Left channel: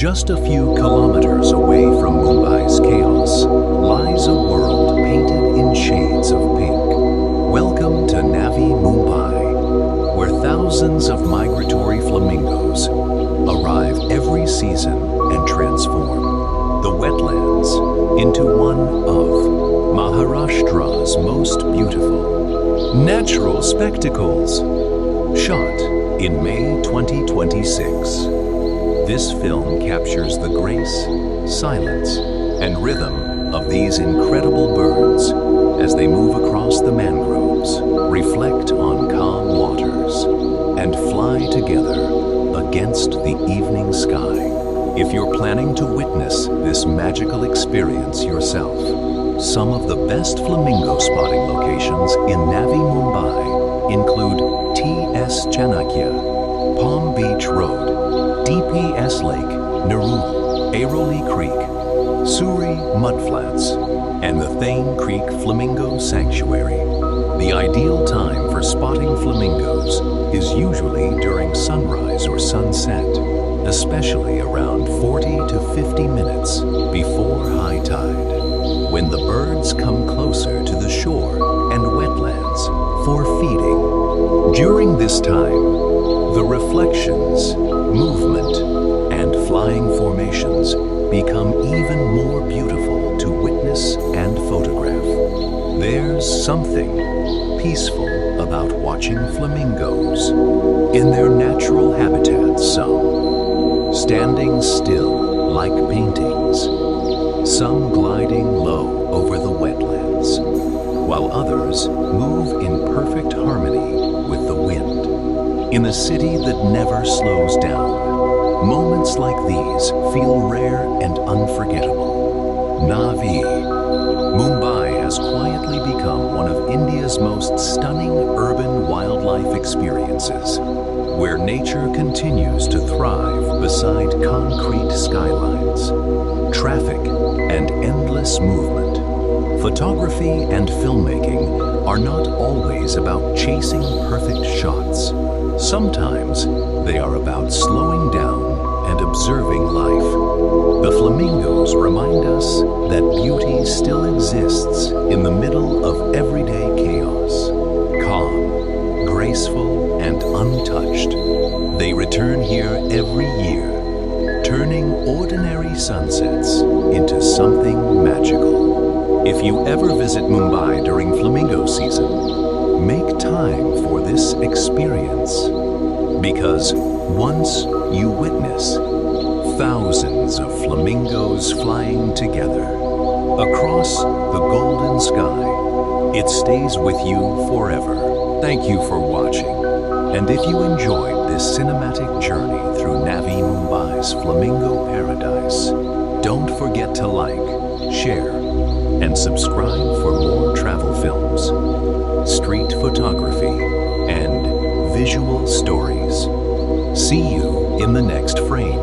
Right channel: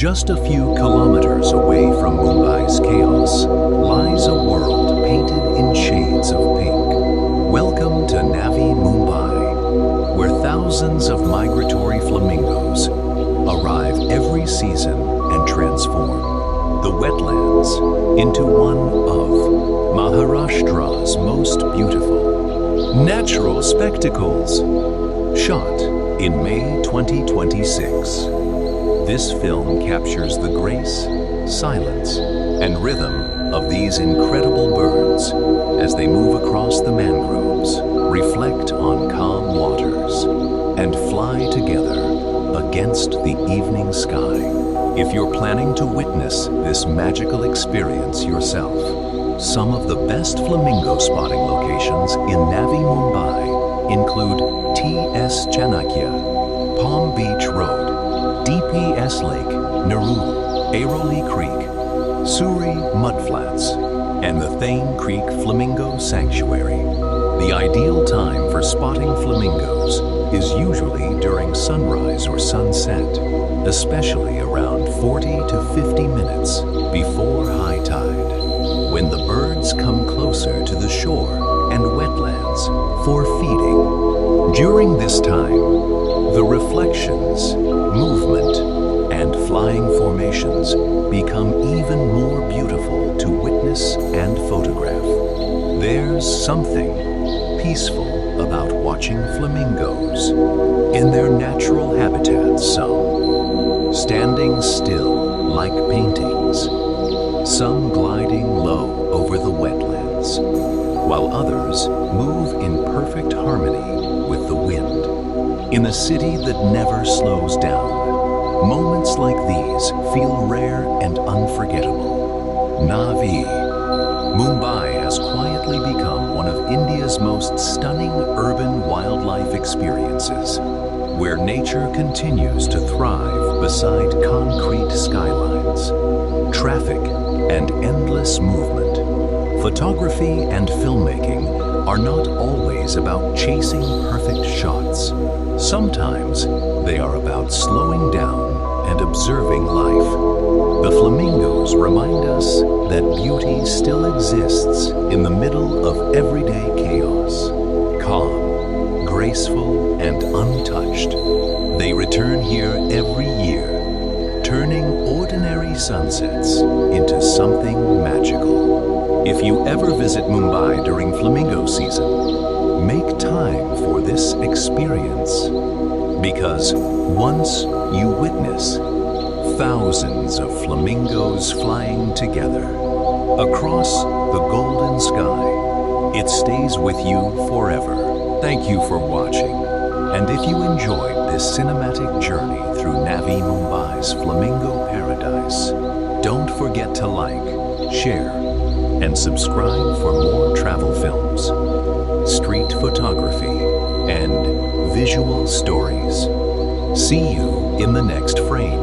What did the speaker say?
Just a few kilometers away from Mumbai's chaos lies a world painted in shades of pink. Welcome to Navi Mumbai, where thousands of migratory flamingos arrive every season and transform the wetlands into one of Maharashtra's most beautiful natural spectacles. Shot in May 2026, this film captures the grace, silence, and rhythm of these incredible birds as they move across the mangroves, reflect on calm waters, and fly together against the evening sky. If you're planning to witness this magical experience yourself, some of the best flamingo spotting locations in Navi Mumbai include TS Chanakya, Palm Beach Road, DPS Lake Nerul, Airoli Creek, Sewri Mudflats, and the Thane Creek Flamingo Sanctuary. The ideal time for spotting flamingos is usually during sunrise or sunset, especially around 40 to 50 minutes before high tide, when the birds come closer to the shore and wetlands for feeding. During this time, the reflections, movement, and flying formations become even more beautiful to witness and photograph. There's something peaceful about watching flamingos in their natural habitats, some standing still like paintings, some gliding low over the wetlands, while others move in perfect harmony with the wind. In a city that never slows down, moments like these feel rare and unforgettable. Navi Mumbai has quietly become one of India's most stunning urban wildlife experiences, where nature continues to thrive beside concrete skylines, traffic, and endless movement. Photography and filmmaking are not always about chasing perfect shots. Sometimes they are about slowing down and observing life. The flamingos remind us that beauty still exists in the middle of everyday chaos. Calm, graceful, and untouched, they return here every year, turning ordinary sunsets into something magical. If you ever visit Mumbai during flamingo season, make time for this experience, because once you witness thousands of flamingos flying together across the golden sky, it stays with you forever. Thank you for watching, and if you enjoyed this cinematic journey through Navi Mumbai's flamingo paradise, don't forget to like, share, and subscribe for more travel films, street photography, and visual stories. See you in the next frame.